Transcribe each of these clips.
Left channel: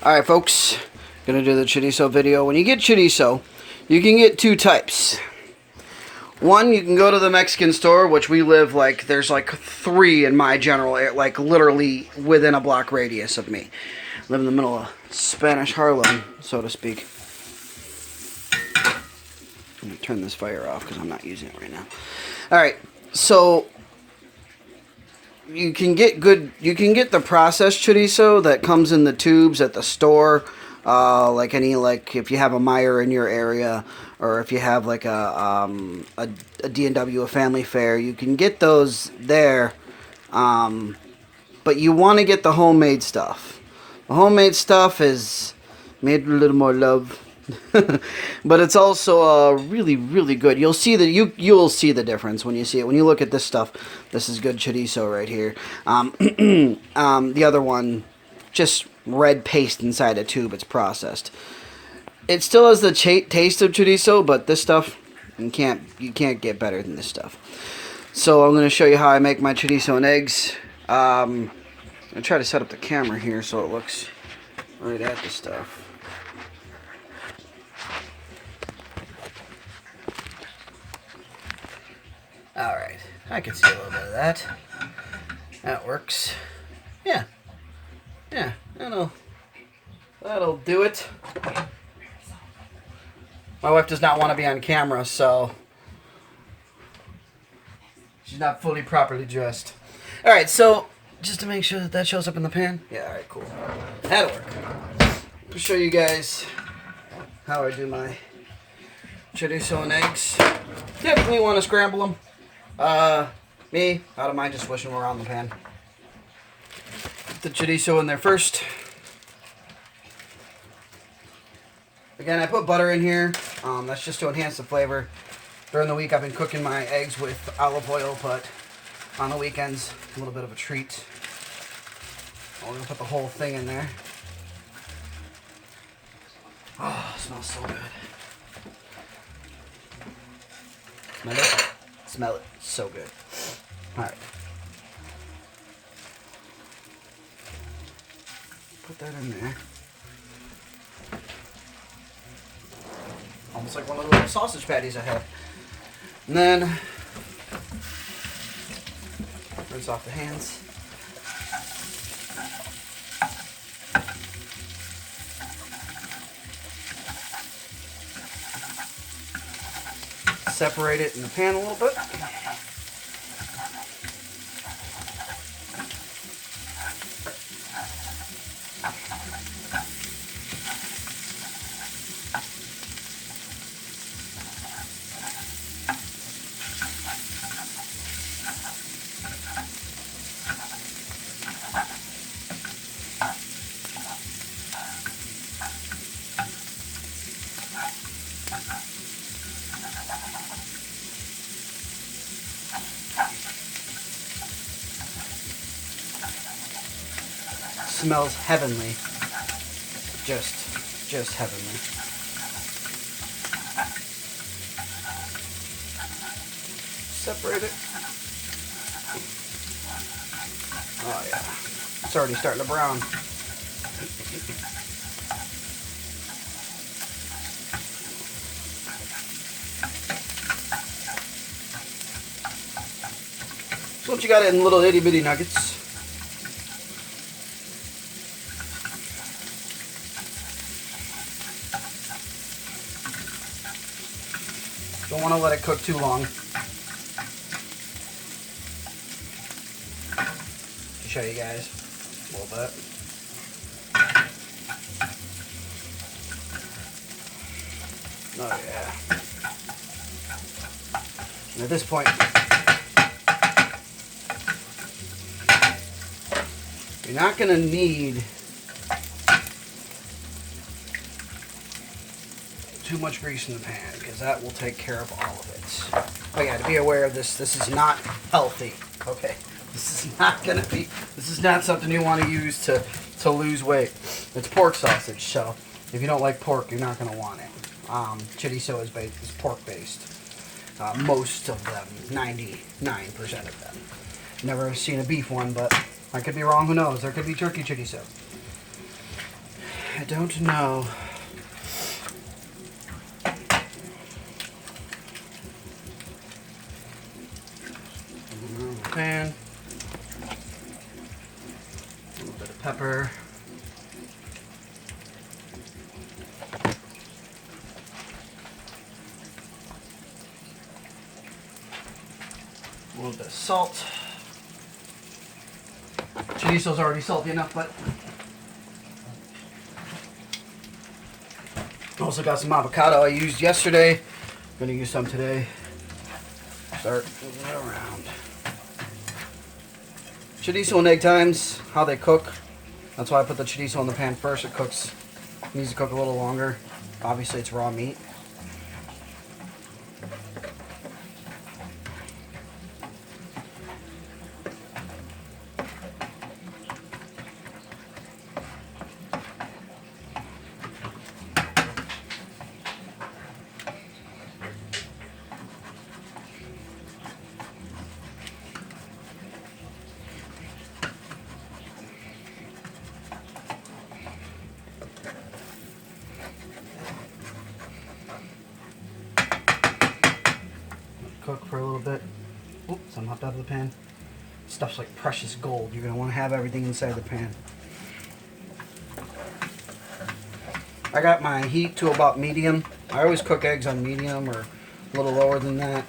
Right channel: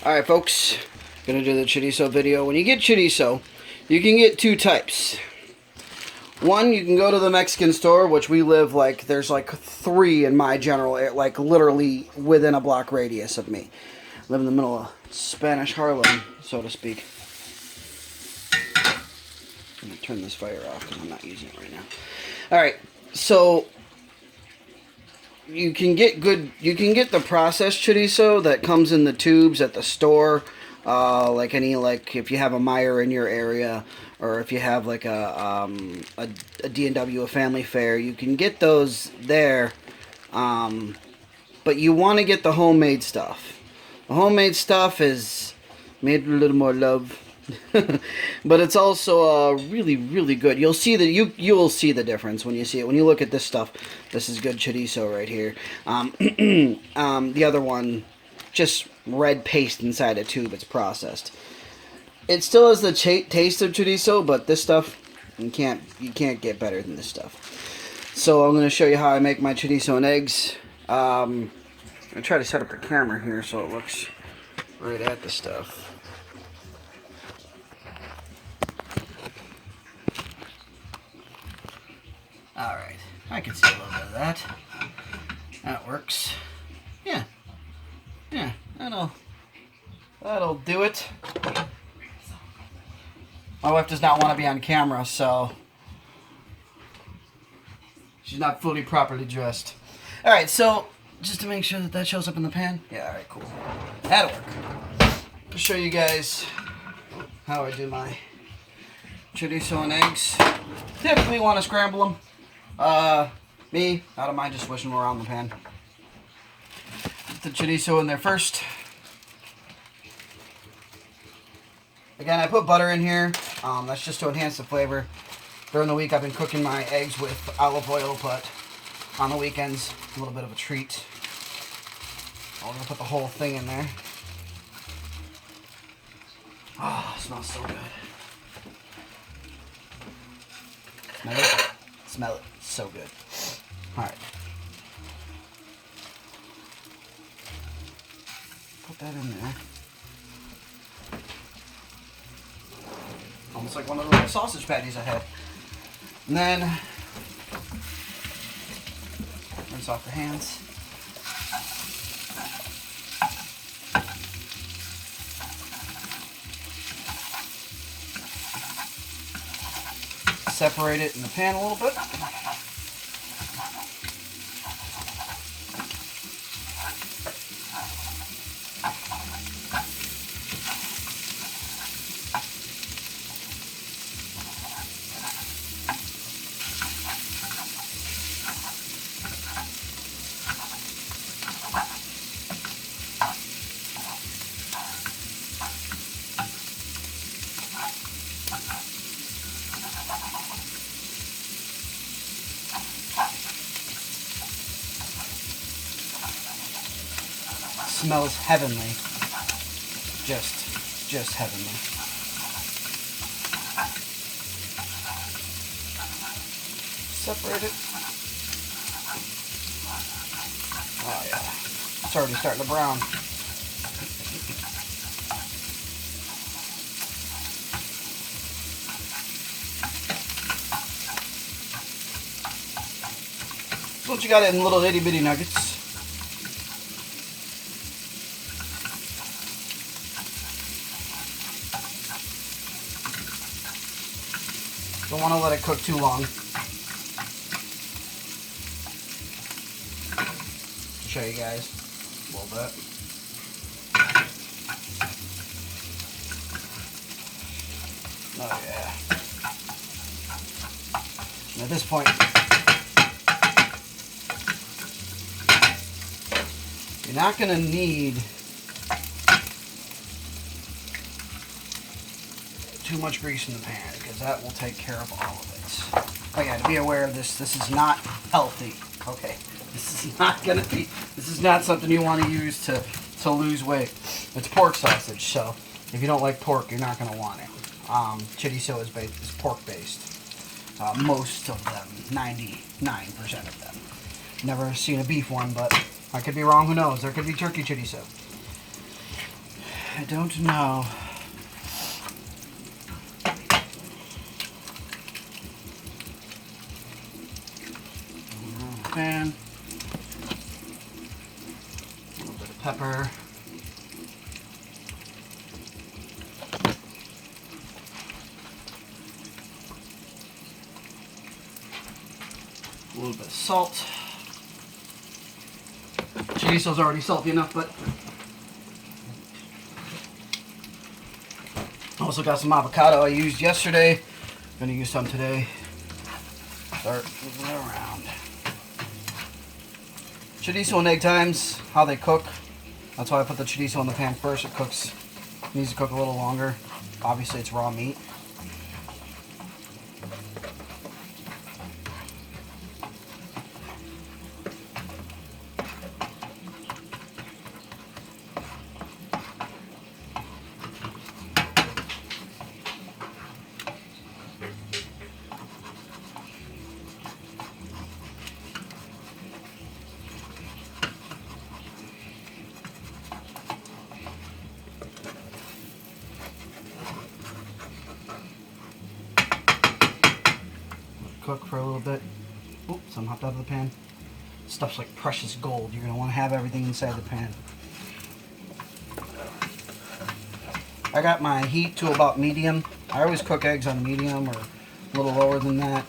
Alright folks, gonna do the chorizo video. When you get chorizo, you can get two types. One, you can go to the Mexican store, which we live like, there's like 3 in my general area, like literally within a block radius of me. Live in the middle of Spanish Harlem, so to speak. I'm gonna turn this fire off because I'm not using it right now. Alright, so you can get the processed chorizo that comes in the tubes at the store, like if you have a Meijer in your area, or if you have like a D&W, a family fare, you can get those there, but you want to get the homemade stuff. The homemade stuff is made with a little more love. But it's also really, really good. You'll see that you will see the difference when you see it. When you look at this stuff, this is good chorizo right here. The other one, just red paste inside a tube. It's processed. It still has the taste of chorizo, but this stuff you can't get better than this stuff. So I'm going to show you how I make my chorizo and eggs. I'm going to try to set up the camera here so it looks right at the stuff. Alright, I can see a little bit of that. That works. Yeah, that'll do it. My wife does not want to be on camera, so she's not fully properly dressed. Alright, so just to make sure that shows up in the pan. Yeah, alright, cool. That'll work. I'll show you guys how I do my chorizo and eggs. Typically want to scramble them. Me, I don't mind just swishing them around the pan. Put the chorizo in there first. Again, I put butter in here. That's just to enhance the flavor. During the week, I've been cooking my eggs with olive oil, but on the weekends, a little bit of a treat. I'm going to put the whole thing in there. Oh, it smells so good. Smell it? Smell it. So good. Alright. Put that in there. Almost like one of those sausage patties I had. And then rinse off the hands. Separate it in the pan a little bit. Smells heavenly. Just heavenly. Separate it. Oh yeah. It's already starting to brown. So what you got in little itty bitty nuggets. Don't want to let it cook too long. To show you guys a little bit. Oh yeah. And at this point, you're not going to need too much grease in the pan, because that will take care of all of it. Oh yeah, to be aware of this, this is not healthy, okay? This is not something you want to use to lose weight. It's pork sausage, so if you don't like pork, you're not going to want it. Chorizo is pork based. Most of them, 99% of them. Never seen a beef one, but I could be wrong, who knows? There could be turkey chorizo. I don't know. Pan. A little bit of pepper. A little bit of salt. Chorizo's already salty enough, but also got some avocado I used yesterday. Gonna use some today. Start moving it around. Chorizo and egg times, how they cook. That's why I put the chorizo in the pan first. It needs to cook a little longer. Obviously, it's raw meat. Cook for a little bit. Oops, some hopped out of the pan. Stuff's like precious gold. You're going to want to have everything inside the pan. I got my heat to about medium. I always cook eggs on medium or a little lower than that.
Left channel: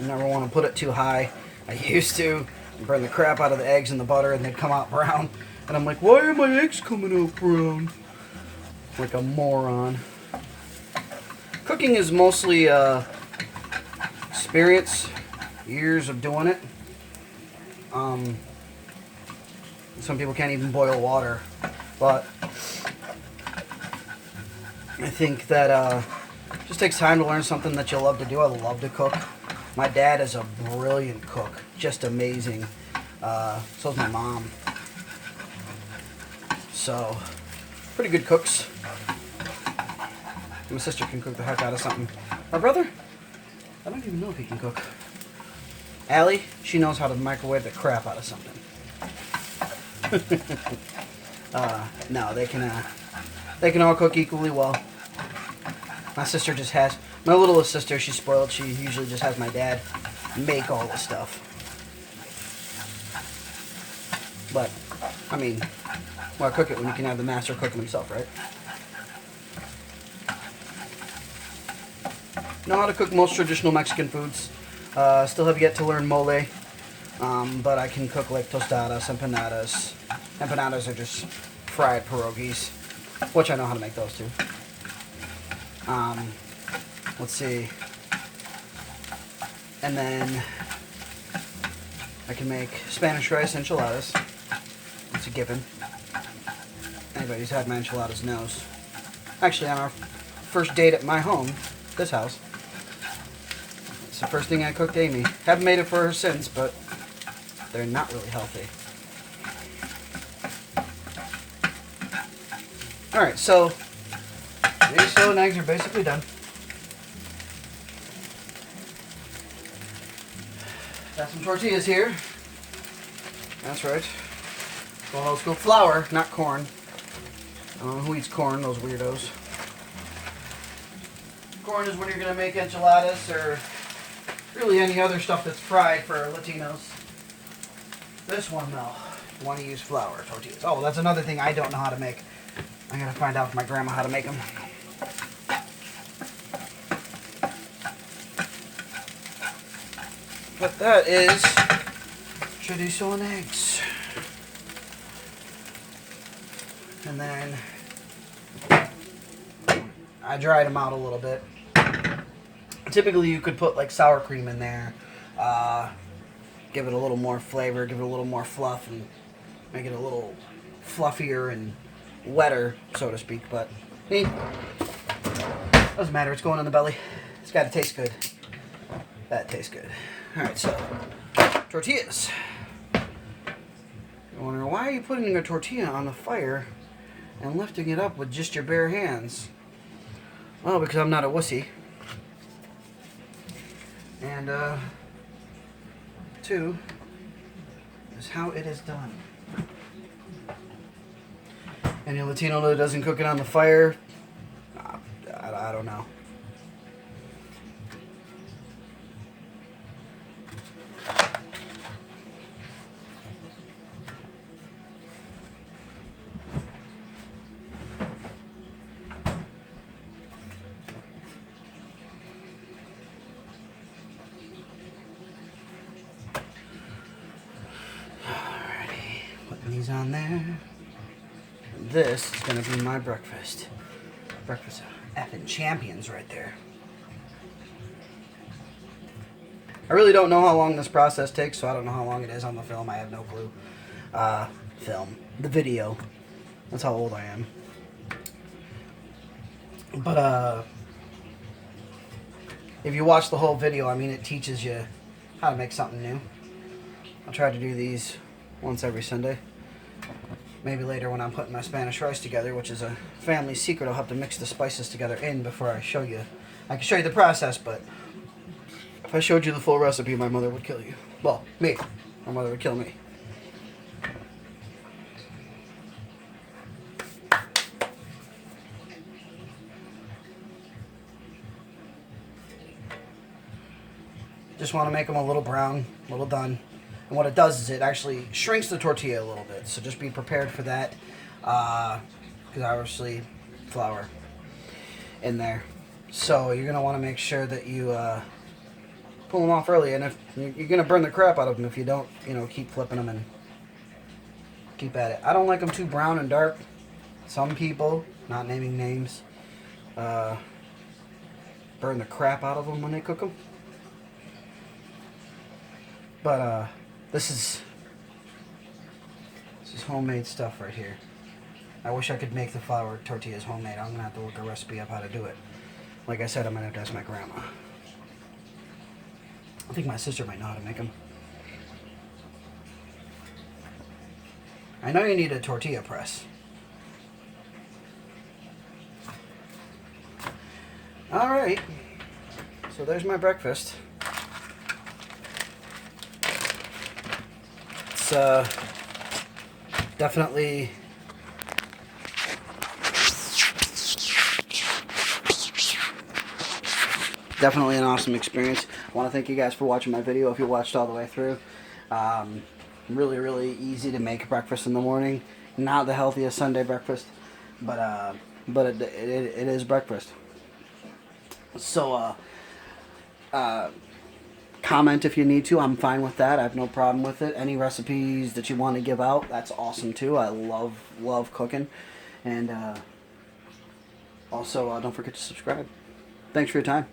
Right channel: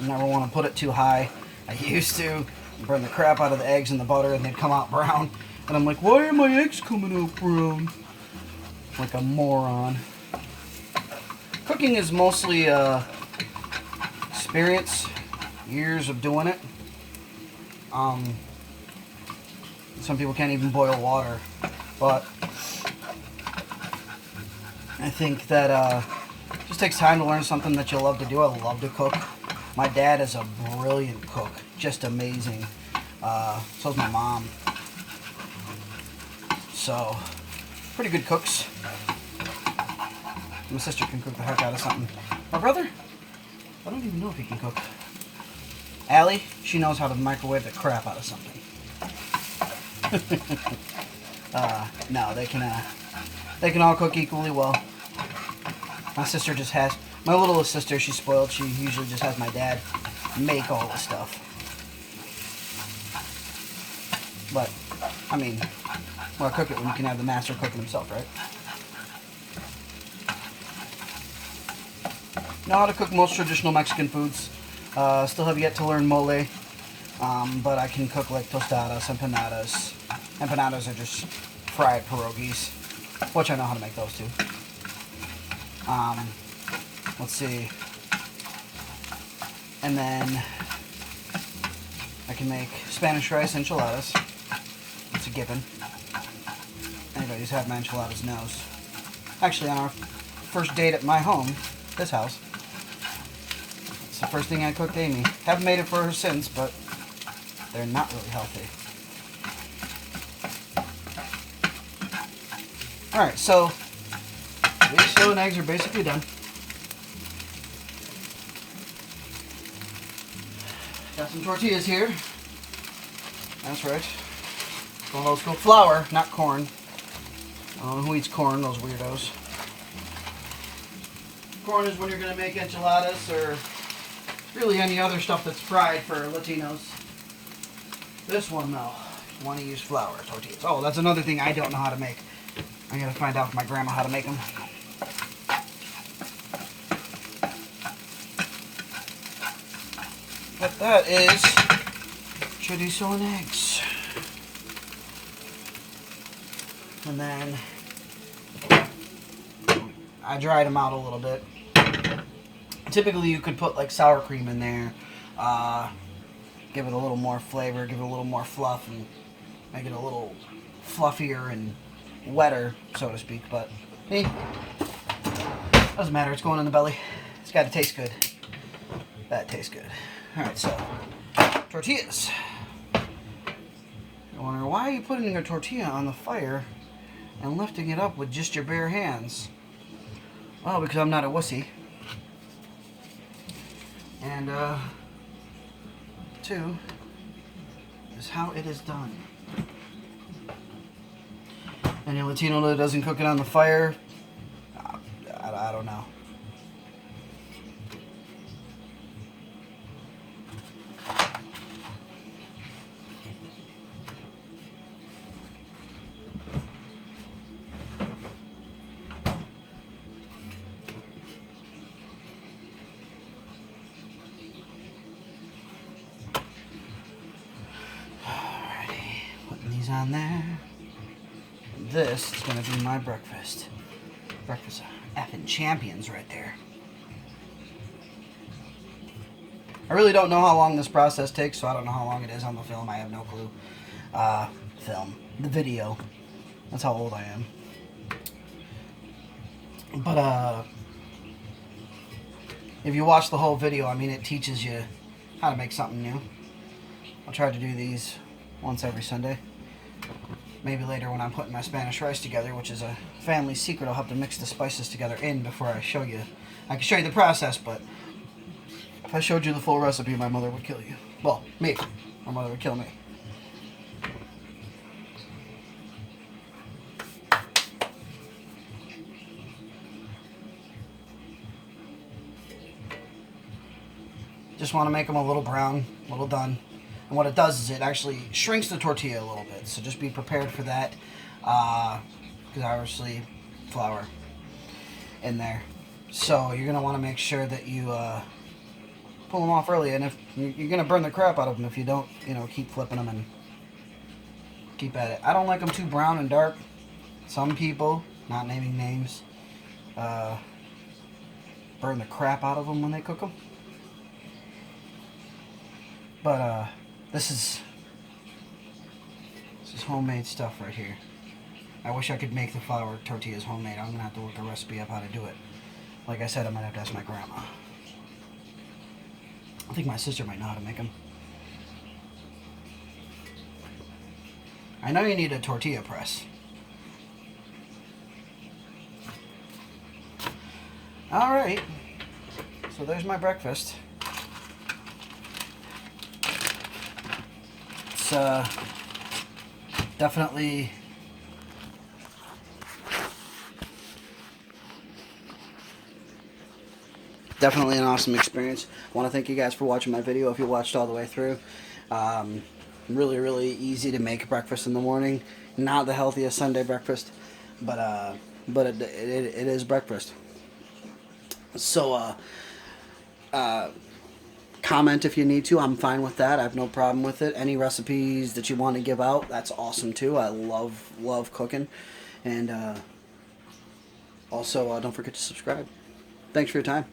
You never want to put it too high. I used to burn the crap out of the eggs and the butter and they'd come out brown. And I'm like, why are my eggs coming out brown? Like a moron. Cooking is mostly experience, years of doing it. Some people can't even boil water, but I think that it just takes time to learn something that you love to do. I love to cook. My dad is a brilliant cook, just amazing. So is my mom. So, pretty good cooks. My sister can cook the heck out of something. My brother, I don't even know if he can cook. Allie, she knows how to microwave the crap out of something. No, they can all cook equally well. My sister just has, my littlest sister, she's spoiled. She usually just has my dad make all the stuff. But, I mean, why cook it when you can have the master cooking himself, right? Know how to cook most traditional Mexican foods. Still have yet to learn mole, but I can cook like tostadas, empanadas. Empanadas are just fried pierogies, which I know how to make those too. Let's see. And then I can make Spanish rice enchiladas. It's a given. Anybody who's had my enchiladas knows. Actually, on our first date at my home, this house, it's the first thing I cooked Amy. Haven't made it for her since, but they're not really healthy. Alright, so chorizo and eggs are basically done. Got some tortillas here. That's right. Going old school flour, not corn. I don't know who eats corn, those weirdos. Corn is when you're going to make enchiladas or really any other stuff that's fried for Latinos. This one, though, you want to use flour tortillas. Oh, that's another thing I don't know how to make. I got to find out from my grandma how to make them. But that is chorizo and eggs. And then I dried them out a little bit. Typically you could put like sour cream in there, give it a little more flavor, give it a little more fluff, and make it a little fluffier and wetter, so to speak. But doesn't matter, it's going in the belly. It's got to taste good. That tastes good. Alright, so tortillas. You wonder, why are you putting a tortilla on the fire and lifting it up with just your bare hands? Well, because I'm not a wussy. And, two, is how it is done. Any Latino that doesn't cook it on the fire, I don't know. These on there. This is gonna be my breakfast. Breakfast of effing champions right there. I really don't know how long this process takes, so I don't know how long it is on the film. I have no clue. The video. That's how old I am. But if you watch the whole video, I mean, it teaches you how to make something new. I'll try to do these once every Sunday. Maybe later when I'm putting my Spanish rice together, which is a family secret, I'll have to mix the spices together before I show you. I can show you the process, but if I showed you the full recipe, my mother would kill you. Well, me. My mother would kill me. Just want to make them a little brown, a little done. And what it does is it actually shrinks the tortilla a little bit. So just be prepared for that. Because obviously flour in there. So you're going to want to make sure that you pull them off early. And if you're going to burn the crap out of them if you don't, keep flipping them and keep at it. I don't like them too brown and dark. Some people, not naming names, burn the crap out of them when they cook them. But this is homemade stuff right here. I wish I could make the flour tortillas homemade. I'm gonna have to look a recipe up how to do it. Like I said, I'm gonna have to ask my grandma. I think my sister might know how to make them. I know you need a tortilla press. Alright, so there's my breakfast. It's definitely an awesome experience. I want to thank you guys for watching my video if you watched all the way through. Really, really easy to make breakfast in the morning. Not the healthiest Sunday breakfast, but it is breakfast. So, comment if you need to. I'm fine with that. I have no problem with it. Any recipes that you want to give out, that's awesome too. I love cooking. And also, don't forget to subscribe. Thanks for your time.